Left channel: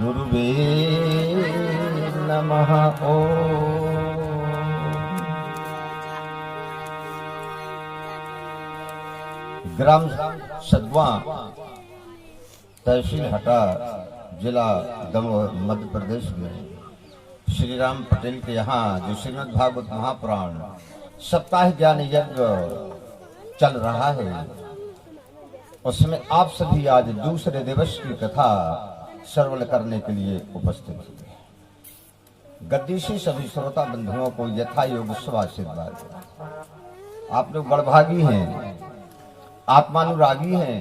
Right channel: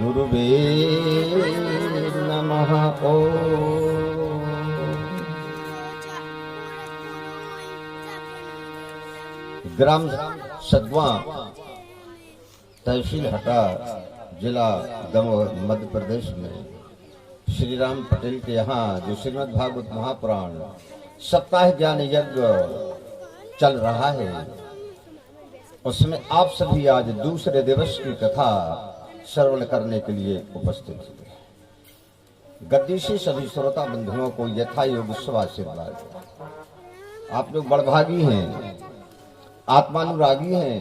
गुरुवे नमः। ओम। ग्राम सदवा, तहसील हटा, जिला दमोह, मध्य प्रदेश में श्री राम पटेल के यहाँ जो श्रीमद् भागवत महापुराण सप्ताह ज्ञान यज्ञ चल रहा है, उसमें आप सभी आज दूसरे दिवस की कथा श्रवण करने के लिए उपस्थित हुए। गद्दी से सभी श्रोता बंधुओं को यथा योग शुभाशीर्वाद। आप लोग बड़भागी हैं, आत्मानुरागी हैं,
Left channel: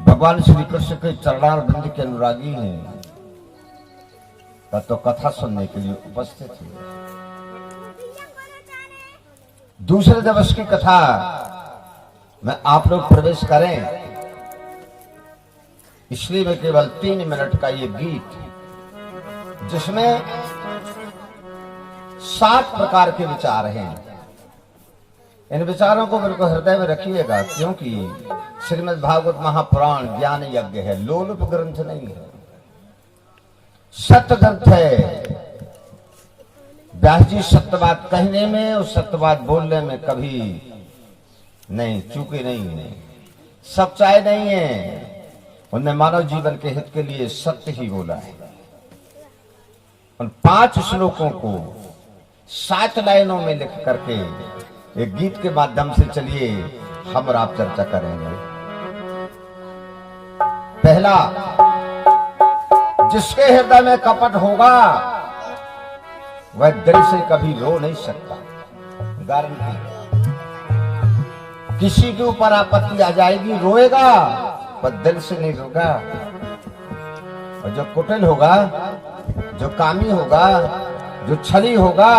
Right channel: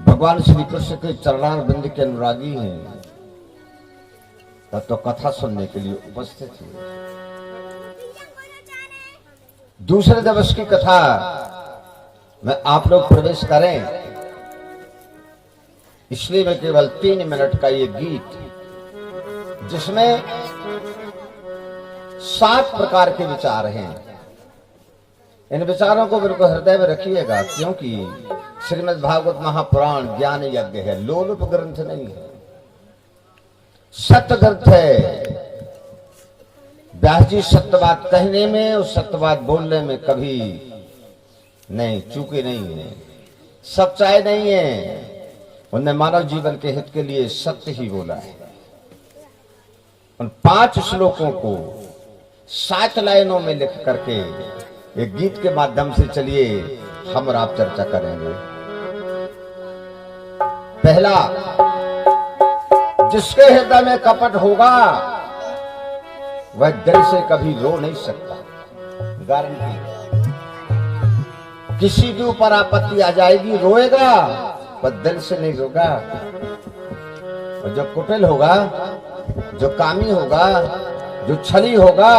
भगवान श्री कृष्ण के चरणारविंद के अनुरागी हैं, तब तो कथा सुनने के लिए उपस्थित हैं। दूसरे दिवस की कथा में आप लोग प्रवेश करें, इसलिए मैं केवल 3 मिनट का ये गीत, जिसमें 7 प्रकार के विचार हैं, इन विचारों को बिल्कुल हृदय में रखिएगा, क्योंकि श्रीमद् भागवत महापुराण ज्ञान यज्ञ है, लोलुप ग्रंथ नहीं है, सत्य ग्रंथ है। व्यास जी सत्य बात कहने में और सत्य बात बोलने में कभी नहीं चूके नहीं है, सच्चाई नहीं है। उन्होंने मानव जीवन के हित के लिए सत्य ही बोला है। उन 5 श्लोकों को 7 लाइनों में लिख करके एक गीत के माध्यम से चलिए हम और आप चर्चा करेंगे। पहला, जिसके हृदय में कपट होगा वह दिल से कभी रो नहीं सकता। गारंटी, किसी के ऊपर आपत्ति आ जाएगी, रोएगा पर दिल से नहीं रोगा। और जो कुटिल होगा, जो कामी होगा, जो छली होगा,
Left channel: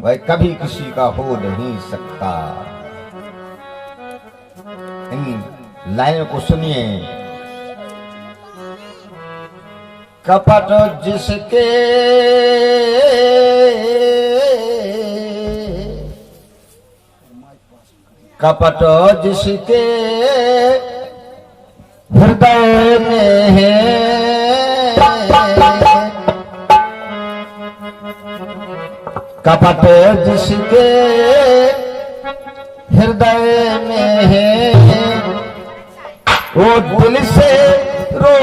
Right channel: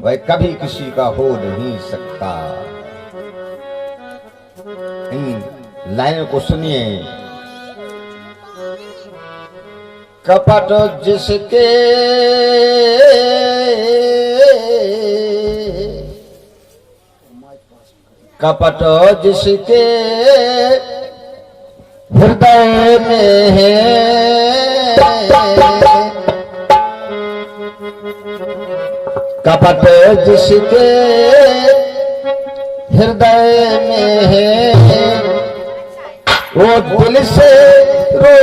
वह कभी किसी का हो नहीं सकता। इन लाइनों को सुनिए। कपट जिसके हृदय में है, कपट जिसके हृदय में है, वो दिल से रो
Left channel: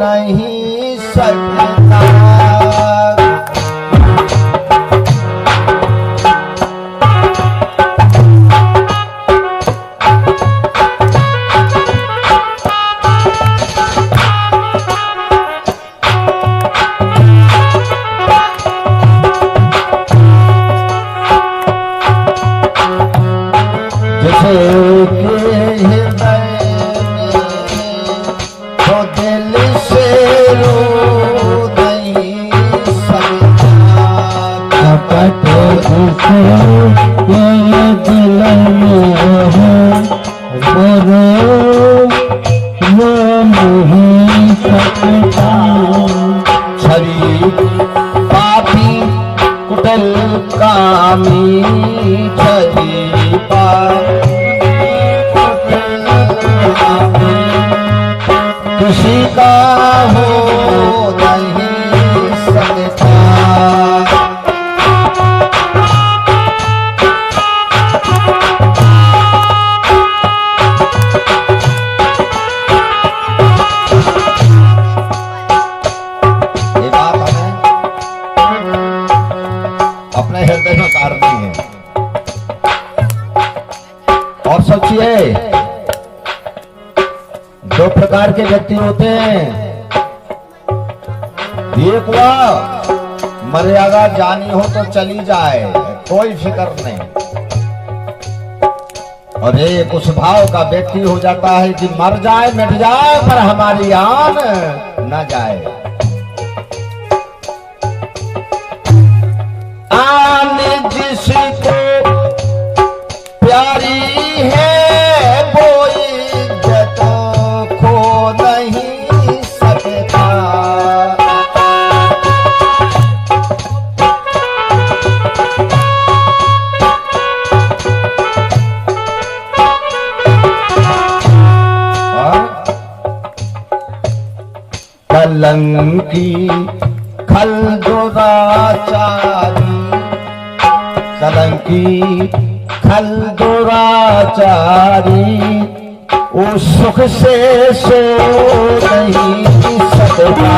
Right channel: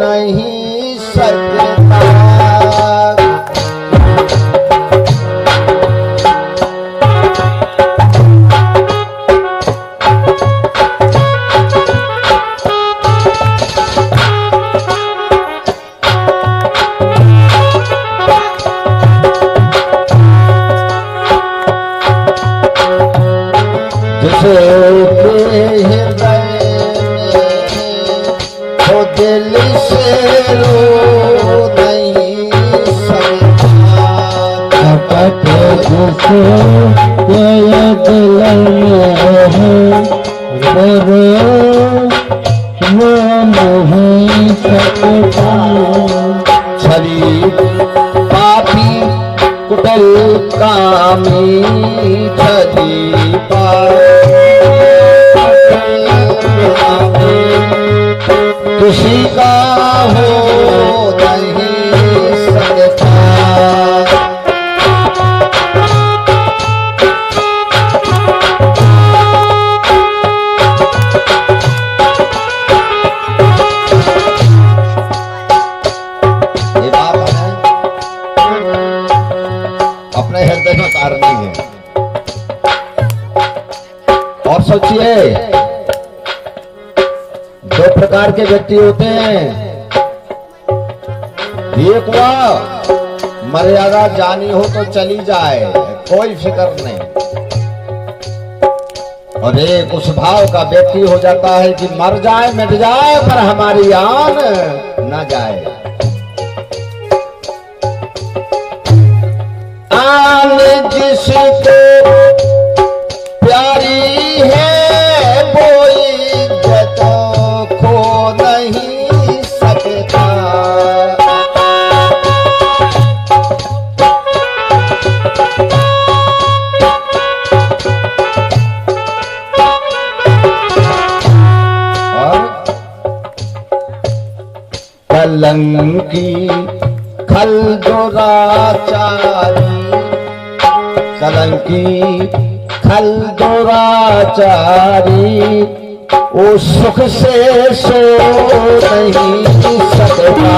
नहीं सकता। किसी का हो नहीं सकता। ये बात है, अपने हृदय में कारण नहीं है। और सोचिए, 2 प्रकार के व्यक्ति होते हैं। एक हुआ मर्यादा जानी हो तो चली जाए, कोई फिक्र नहीं, और एक उस भाव का व्यक्ति हो जाता है कि मर जाए मिट जाए पर हमारी आन न जाए। आन जिसको प्यारी है कलंकी खल दुराचारी, कलंकी खल दुराचारी, ओ सुख से सो नहीं सकता।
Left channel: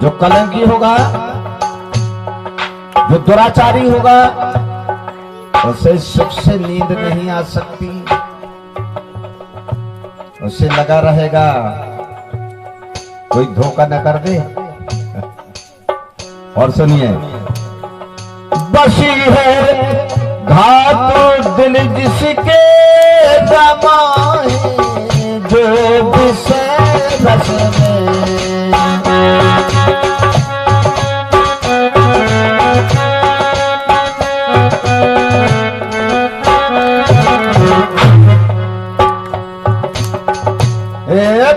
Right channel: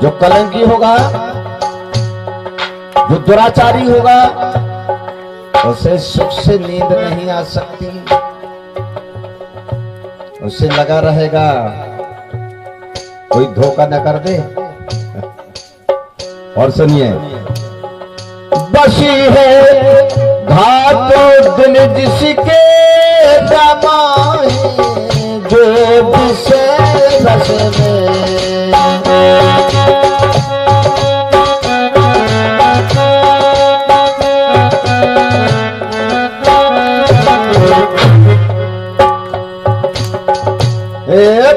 जो कलंकी होगा, जो दुराचारी होगा, उसे सुख से नींद नहीं आ सकती। उसे लगा रहेगा कोई धोखा न कर दे। और सुनिए, बसी है घाट दिल जिसके रमाए, जो विषय रस में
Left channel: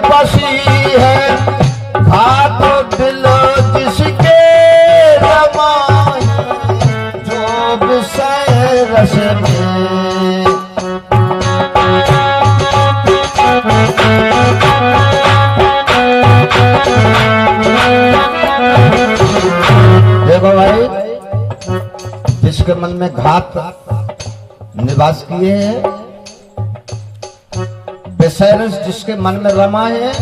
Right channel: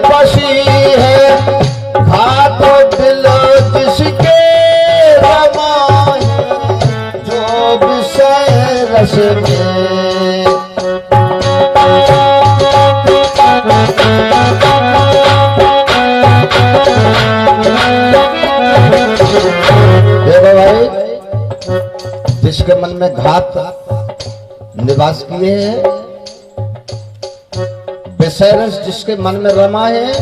बसी है घाट दिल जिसके रमाए, जो विषय रस में। देखो भाई, जिसके मन में घात निवास किए हैं, बेसरस जिसके मन में रमा है,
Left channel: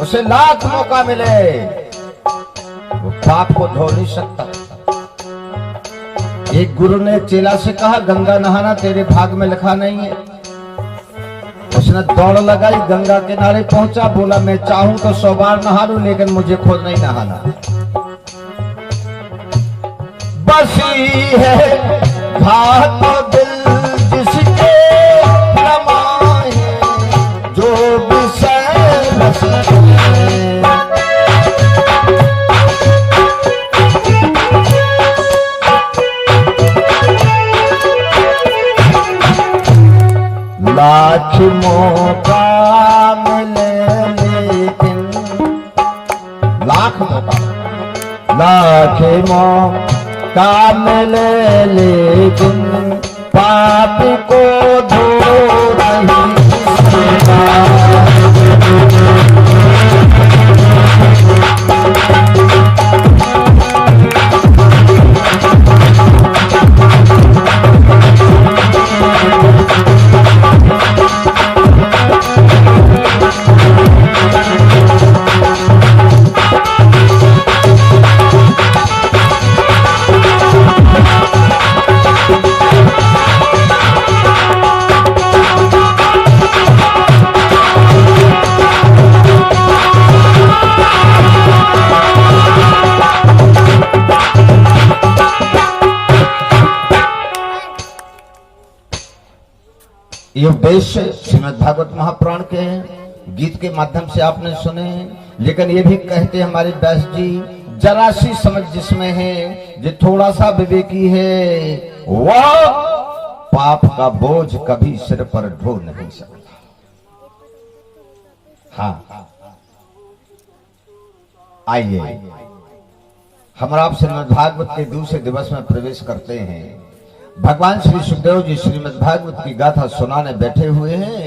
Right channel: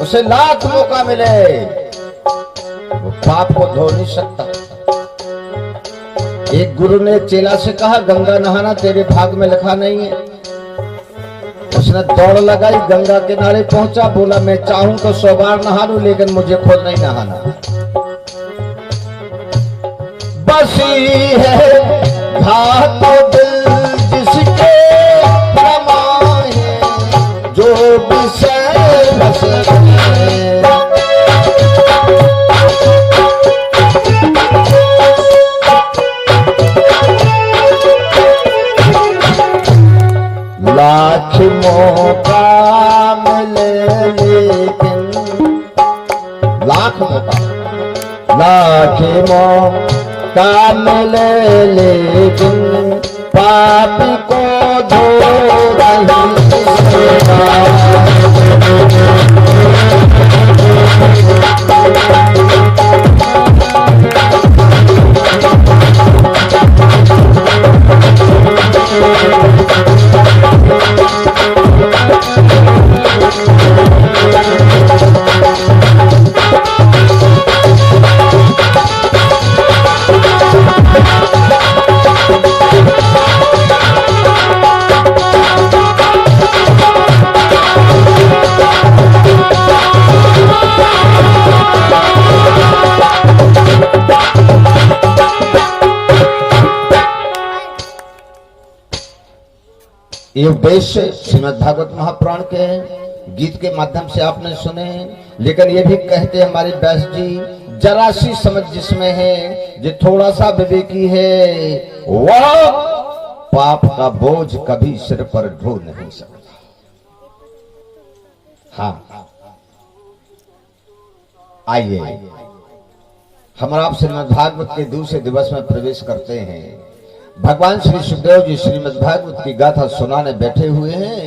उसे लाख मौका मिले वो पाप को धो नहीं सकता। एक गुरु ने चेला से कहा, गंगा नहाना तेरे भाग में लिखा नहीं है। उसने दौड़ लगाई, गंगा किनारे पहुंचा, बोला मैं चाहूं तो 100 बार नहा लूं, लेकिन मुझे खुद नहीं नहाना। बसी है घाट दिल जिसके रमाए, जो विषय रस में। लाख मौका मिले लेकिन, लाख मौका मिले लेकिन, पापी को धो नहीं ये उद्देश्य श्रीमद् भागवत महापुराण के गीत के माध्यम से आपने सुने। लेकिन ये भी कहते हमारे व्यास जी, जरा सी समझ जिसमें है, जो थोड़ा सा विवेकी है, वह पाप का बोझ कभी सिर पर ढो नहीं सकता। हाँ, आइए हम आप श्रीमद् भागवत के दूसरे दिवस में प्रवेश करते हैं। भगवान श्री सुखदेव जी श्रीमद् भागवत की गाथा सुनाने बैठे हुए हैं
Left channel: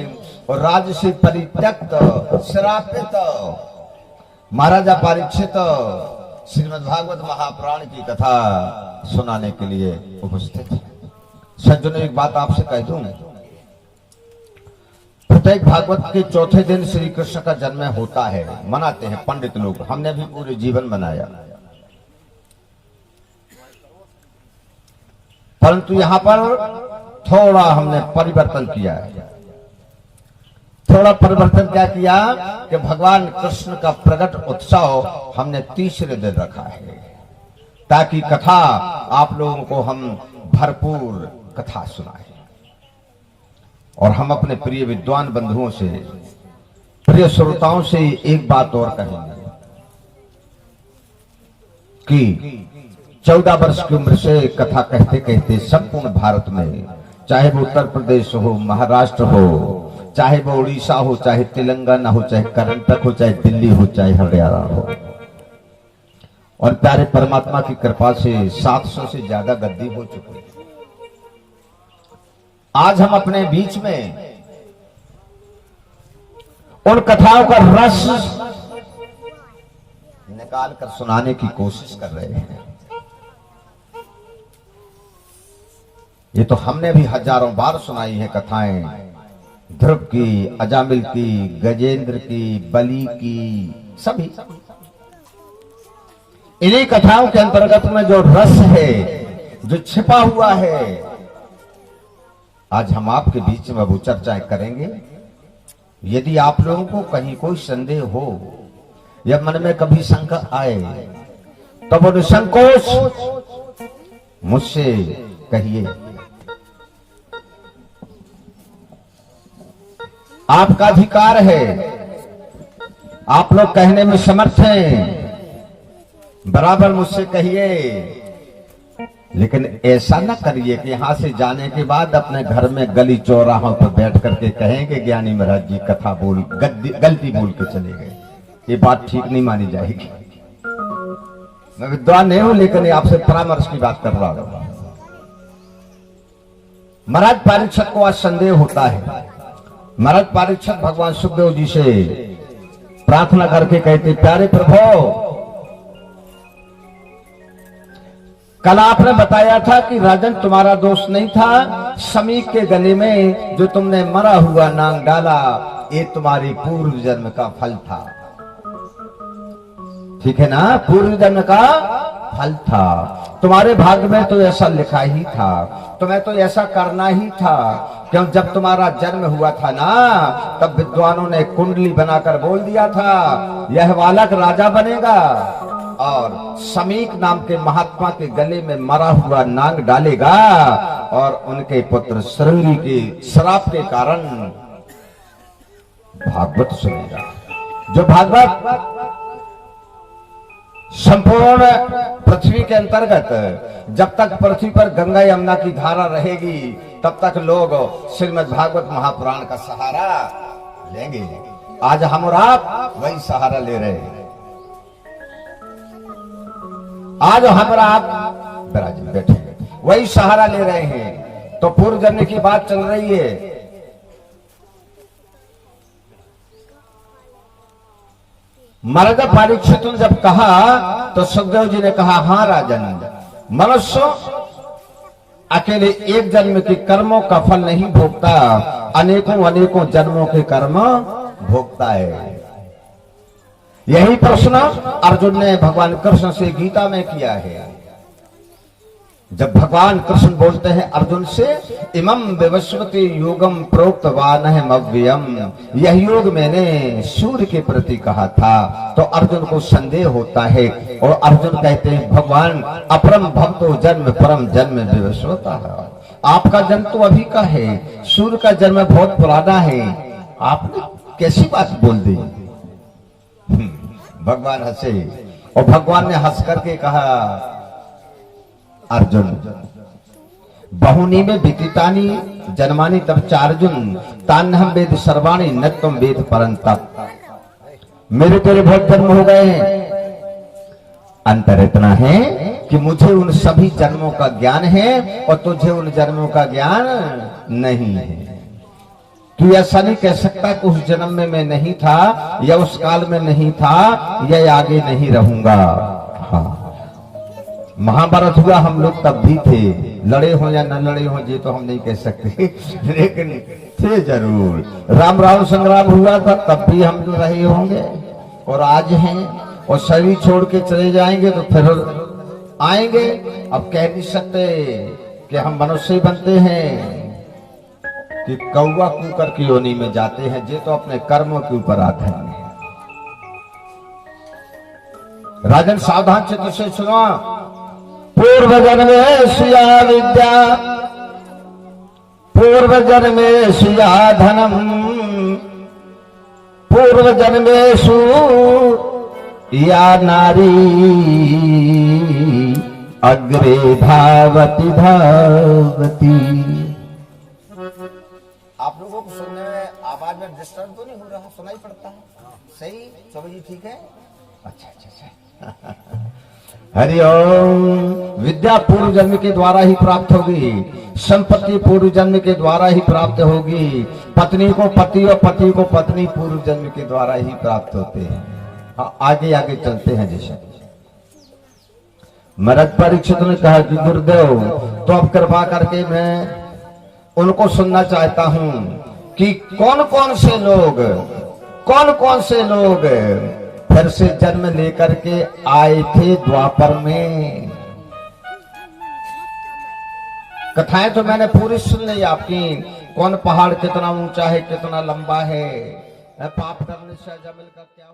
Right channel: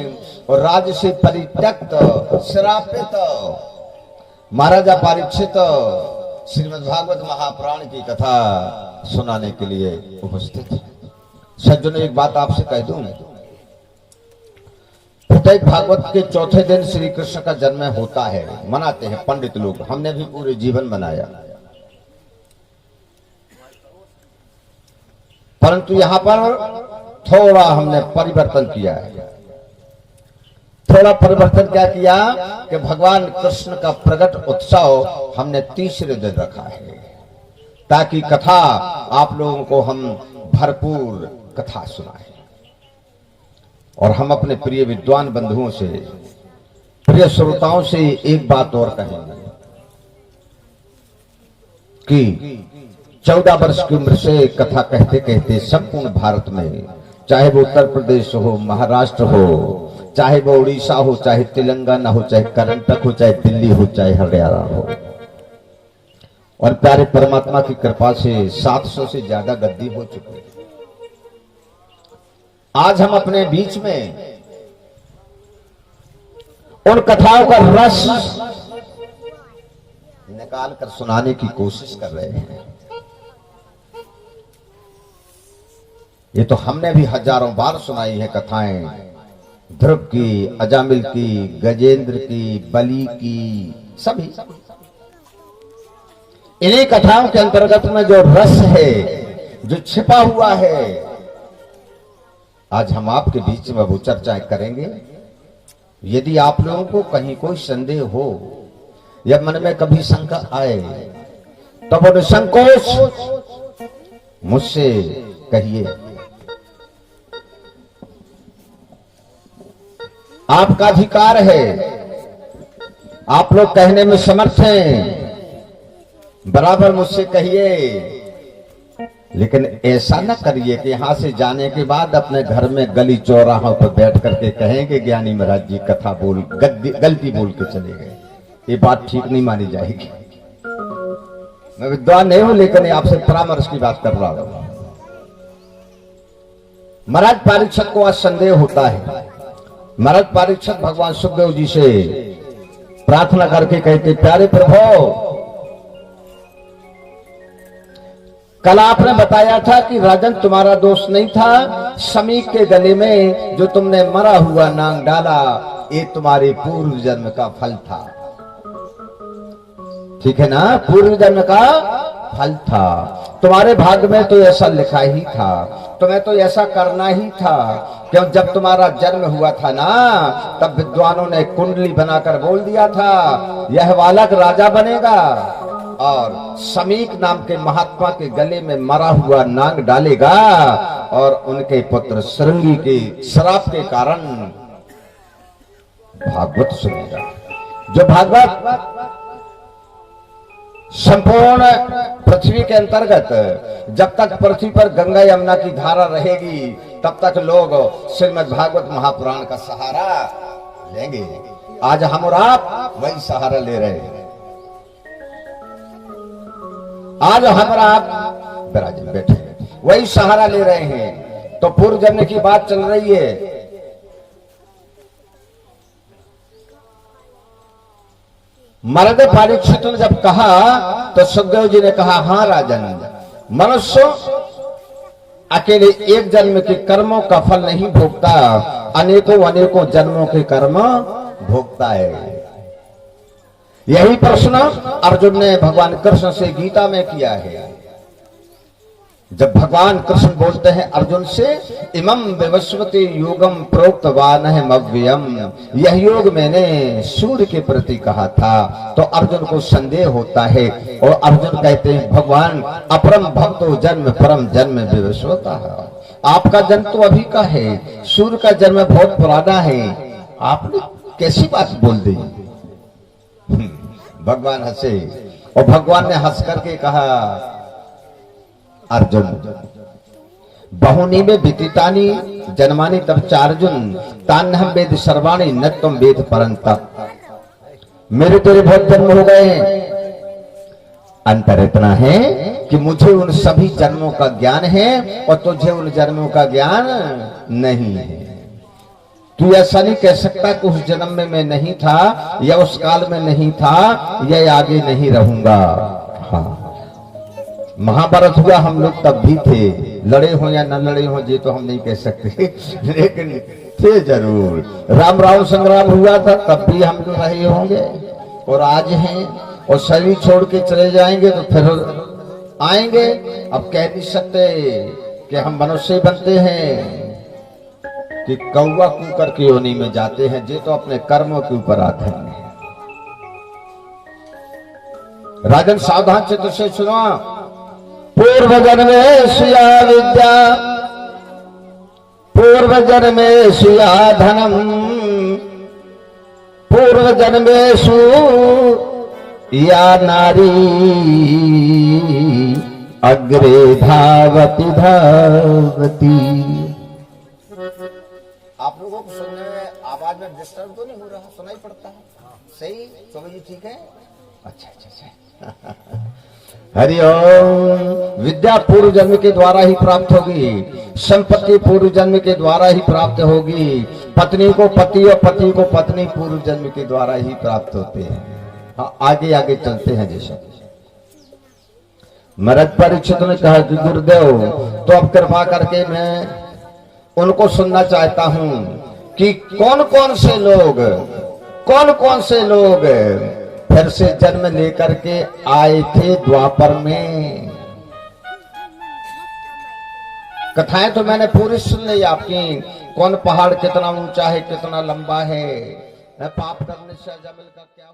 और राज्य से परित्यक्त श्रापित महाराजा परीक्षित श्रीमद् भागवत महापुराण की कथा सुनाने के लिए उपस्थित है। सज्जनों, एक बात आपसे कह दूं, प्रत्येक भागवत के चौथे दिन श्री कृष्ण का जन्म होता है, मनाते हैं पंडित लोग। हमने भी पूरे जीवन मनाया, परंतु यहां पर थोड़ा हमने परिवर्तन किया है। थोड़ा परिवर्तन क्या किया कि भगवान कृष्ण का प्रकट उत्सव हमने तीसरे दिन रखा है, ताकि कथा आप लोगों को हम भरपूर कथा सुनाएं। और हम अपने प्रिय विद्वान बंधुओं से, प्रिय श्रोताओं से एक बात और कहेंगे कि 14 वर्ष की उम्र से कथा कहते कहते संपूर्ण भारत में, चाहे वो उत्तर प्रदेश हो, महाराष्ट्र हो, चाहे वो उड़ीसा हो, चाहे तेलंगाना हो, चाहे कर्नाटक हो, चाहे दिल्ली हो, चाहे हरियाणा हो, और प्यारे परमात्मा की कृपा से 700 से ज्यादा गद्दी हो चुके हैं। आज हम अपने बीच में उन कथाओं का रस निकाल कर सुनाने की कोशिश कर रहे हैं। ये तो हमने भी हजारों बार सुनाई है कथाएं, ध्रुव की, अजामिल की, गजेंद्र की, बलि की, सभी। इन्हीं कथाओं के अंतर्गत में जो रस है, जो छिपा हुआ है, आज हम आपके बीच में वो चर्चाएं करेंगे। यदि आप लोगों को कहीं कोई संदेह हो या मन में कभी शंका आए तो वो निसंकोच मुझसे कहिए। आपका अधिकार है, आप लोग कहने में समर्थ हैं, बराबर मुझसे कहिए। लेकिन ऐसा न करिए कि यहां से जाने के बाद अपने घर में गली चौराहों पर बैठ करके कहेंगे ज्ञानी महाराज जी कथा बोल गलती बोल के चले गए। ये बात ठीक नहीं मानी जाएगी। मैं विद्वान नहीं हूं, लेकिन आपसे परामर्श की बात कर रहा हूं। महाराज परीक्षक को आज संदेह होता है। महाराज परीक्षक भगवान सुखदेव जी से प्रार्थना करके कहते, प्यारे प्रभु, कल आपने बताया था कि राजन तुम्हारा दोष नहीं था, समीक के गले में जो तुमने मरा हुआ नांग डाला, ये तुम्हारे पूर्व जन्म का फल था। ठीक है ना, पूर्व जन्म का फल था। तुम्हारे भाग्य में तो ऐसा लिखा ही था, तुम्हें तो ऐसा करना ही था। क्यों, जब तुम्हारा जन्म हुआ था ना, तब विद्वानों ने कुंडली बनाकर बोल दिया था, यह बालक राजा बनेगा और समीक नाम के महात्मा के गले में मरा हुआ नाग डालेगा और उनके पुत्र श्रृंगी के श्राप के कारण भागवत सुनेगा। जो भागवत संपूर्ण पृथ्वी के अंतर्गत, जब तक पृथ्वी पर गंगा यमुना की धारा रहेगी, तब तक लोग श्रीमद् भागवत महापुराण का सहारा लेंगे। आज हम और आप वही सहारा ले रहे हैं। आज हम और आप विराजित बैठे वही सहारा ले रहे हैं। तो पूर्व जन्म की बात चल रही है। मरद परीक्षित ने जब कहा तो सुखदेव जी ने कहा, हां राजन, मनुष्य अकेले एक जन्म के कर्मों का फल नहीं भोगता, अनेकों अनेकों जन्मों के कर्म भोगता है। यही प्रश्न अर्जुन ने भगवान कृष्ण से गीता में किया है। जब भगवान कृष्ण बोलते हैं अर्जुन से, इमं विवस्वते योगम प्रोक्तवान है मव्ययम, यह योग मैंने सूर्य के प्रति कहा था। तो अर्जुन को संदेह होता है और अर्जुन कहते हैं, भगवान अपरम भक्तो जन्म परम जन्म विवस्वता। आपका जन्म तो अभी का है, सूर्य का जन्म बहुत पुराना है, आपने कैसी बात बोल दी। भगवान हंसे और भगवान ने हंस करके कहा, अर्जुन बहुनी में विदितानि जन्मानि तब चार्जुन तान्हम वेद सर्वाणि न तुम वेद परंतप। मेरे तेरे बहुत जन्म हो गए हैं, अंतर इतना है कि मुझे उन सभी जन्मों का ज्ञान है और तुझे उन जन्मों का ज्ञान नहीं है। तू ऐसा नहीं कह सकता कि उस जन्म में मैं नहीं था, या उस काल में नहीं था, या आगे नहीं रहूंगा। हाँ, महाभारत हुआ हम लोग तब भी थे, लड़े हो या न लड़े हो ये तो हम नहीं कह सकते, लेकिन थे जरूर। राम राम संग्राम हुआ था तब भी हम रहे होंगे और आज हैं, और शरीर छोड़ के चले जाएंगे तो फिर आएंगे। अब कह नहीं सकते कि हम मनुष्य बनते हैं कि कौवा कुकर की योनि में जाते हैं, ये तो अपने कर्मों के ऊपर आते हैं। राजन सावधान चित्त से सुनो। पूर्व जन्मे स्या विद्या पूर्व जन्मेषु या धनम पूर्व जन्मेषु या नारी अग्रे धावती धावती। आप लोगों को सुनने में आवाज में डिस्टर्ब तो नहीं हो रहा? सुनाई पड़ता है? सही चलो जी ठीक है। अच्छा अच्छा अच्छा। हरिओम। विद्या पूर्व जन्म के द्वारा ही प्राप्त होगी, संपत्ति पूर्व जन्म के द्वारा ही प्राप्त होगी, पत्नी को पति और पति को पत्नी पूर्व जन्म के द्वारा ही प्राप्त होते हैं। हाँ, आगे आगे चलते हैं। जैसे महाराज परीक्षित ने कहा कि गुरुदेव तो अब कृपा करके मैं उनको सुनना चाहता हूं कि कौन कौन से लोग फिर से जन्म लेकर के आए थे द्वापर में। कथाएं तो मैंने पूरी सुन ली आपकी, कौन पहाड़ कितना ऊंचा है, कितना लंबा है, पाप करने से अजमल का क्या